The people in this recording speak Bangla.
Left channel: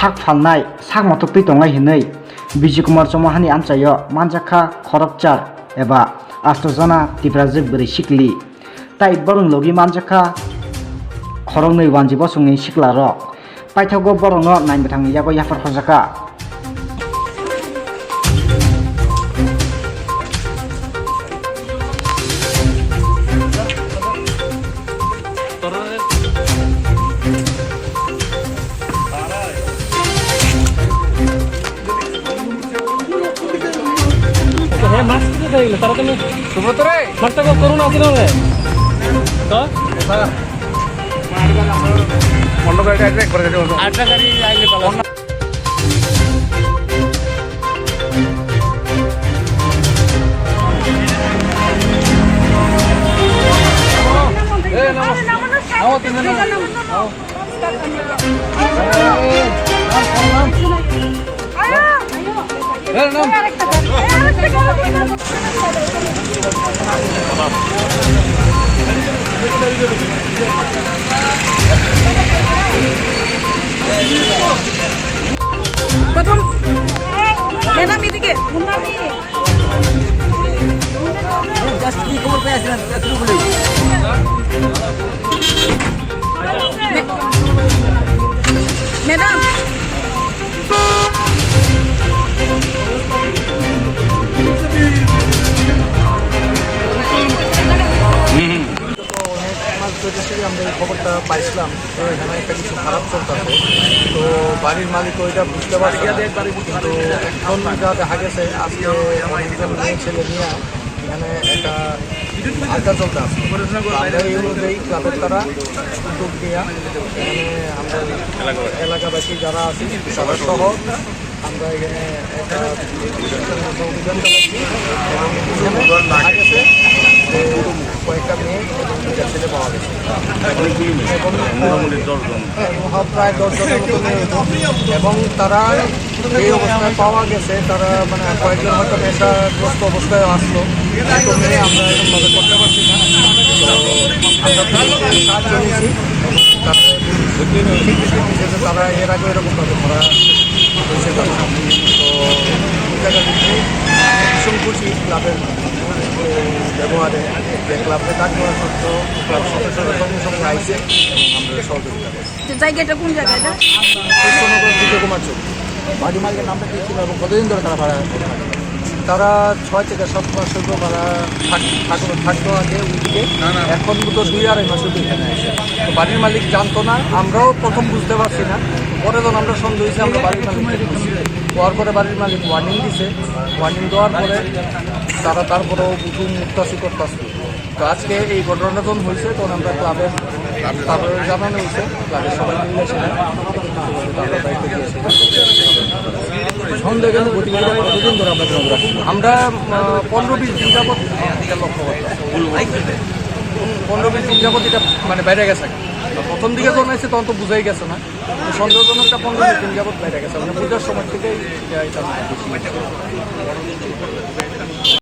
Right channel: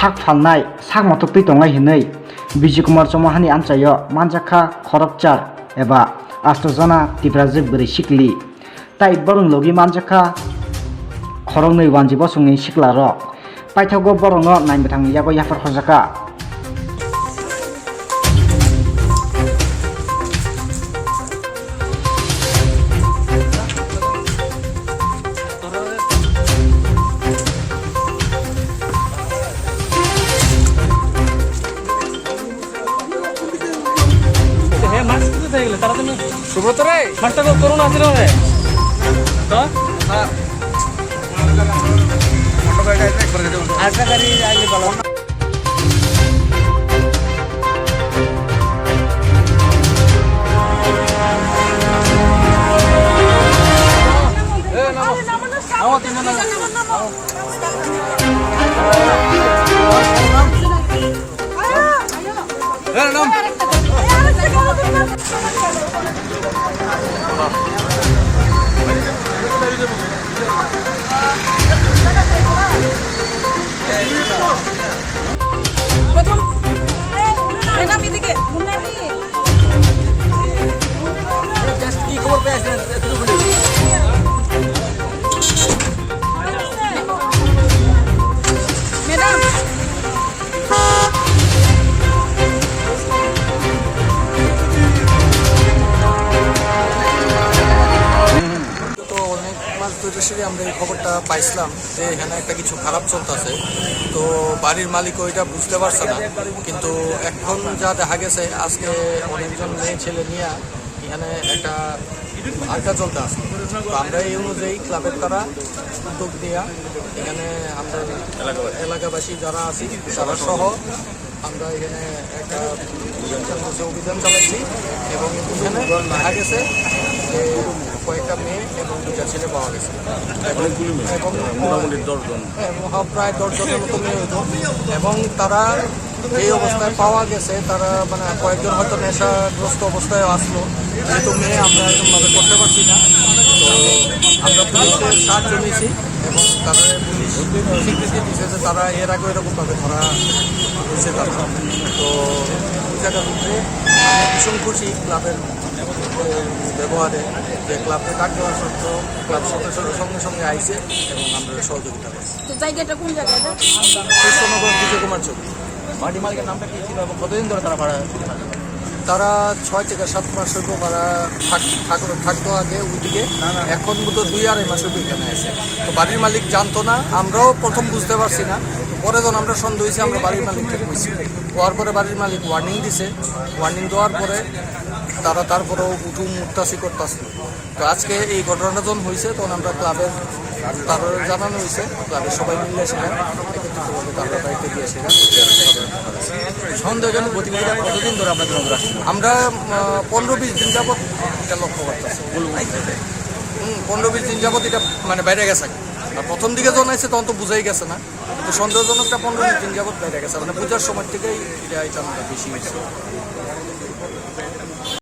sak falnai sak motok tui tonglai hinui Bijay Kumar Chauhani amchayo manjaka khorokchar eba astojana tibrajik bwri sikli tai borong logi manjaka khorognui wanji bosungni siklarok paithago borongo nainbwthang yago yafar khojaka আমরা এই খবরটা পাইছিলাম যে এখানে একটা কিছু খারাপ চলতেছে তো বাড়ির মালিক ওইটা বুঝতে পারছে না কিন্তু এখন যা দেখা গেছে আজকে অনেকজন মেয়ে ছেলে নিয়ে এখানে একটা আড্ডা চলতে আছে আমরা এই অনুযায়ী ক্লাবের তারা উদ্যোগ নিয়ে এখানে আমাদের এলাকাবাসী যারা আছে তারা সহ আমরা এখানে একটা অভিযান চালাইছি এবং এখানে দেখা গেছে কয়েকটা মেয়ে এবং দুটা ছেলে পাওয়া গেছে এবং প্রায় 10 জনের মতো মেয়ে হইত এবং তারা যে অবস্থায় পাওয়া গেছে তারা মানে কয়েকজন হয়তো নেশাগ্রস্ত অবস্থায় আসলো কিন্তু মেয়ে আমরা এরকমভাবে করতে পারছি না তো আমরা পুলিশের সাহায্য নিয়েছি এবং তারা স্বীকৃতি দিয়েছে যে তারা এর আগে এরকমভাবে ধরা হয়েছে তারা তো এই জায়গা থেকে ভীষণ খুশি ক্লাবের ব্যবহারে যে ক্লাবকে ডাক দেওয়া সত্ত্বেও ক্লাব সদস্যরা সঙ্গে সঙ্গে আইসে এবং আমরা সহযোগিতা করছি। জায়গাটা কোন জায়গাটা? কৃষ্ণনগর বিজয় কুমার চৌধুরী। বাড়ি মালিকের নামটা কি ছিল এবং কতদিন ধরে তারা ভাড়া তারা 6 থেকে 7 মাস হতো ভাড়া থাকতো আগে ওইদিকে এখন তো 2-2.5 মাস হতো এখানে আসে তো বাড়ির মালিক জানতো না আমরাও প্রথম বুঝতে পারছি না পরে যখন আমরা সন্দেহ হয়েছি আমরা বাড়ির মালিককে বলছি হওয়ার পরে বাড়ির মালিক ওয়ার্নিং দিছে ওয়ার্নিং দেওয়ার পরে তারা তারপরেও উঠু মুক্তাসি করতেছে তো আজকে এই ঘটনাটা যখন হয়েছে তখন আমরা ক্লাবের তারপরে জানানো হয়েছে ক্লাবের সবাই মিলে ছিলেন তারা দায়িত্ব দিয়েছিলেন সন্দেহজনক গতিবিধি কতদিন ধরে আপনাদের নজর আসছে? আমরা 15-20 দিন যাবত এটা লক্ষ্য করতেছি 15-20 দিন যাবত এটা মানে বাইরে গেছে প্রথম দিকে যখন আসছে তখন তো বুঝাই গেছে না কিন্তু সন্দেহজনকটা 15-20 দিন যাবত বাইরে গেছে মানে পূজার সময় থেকে এটা বেশি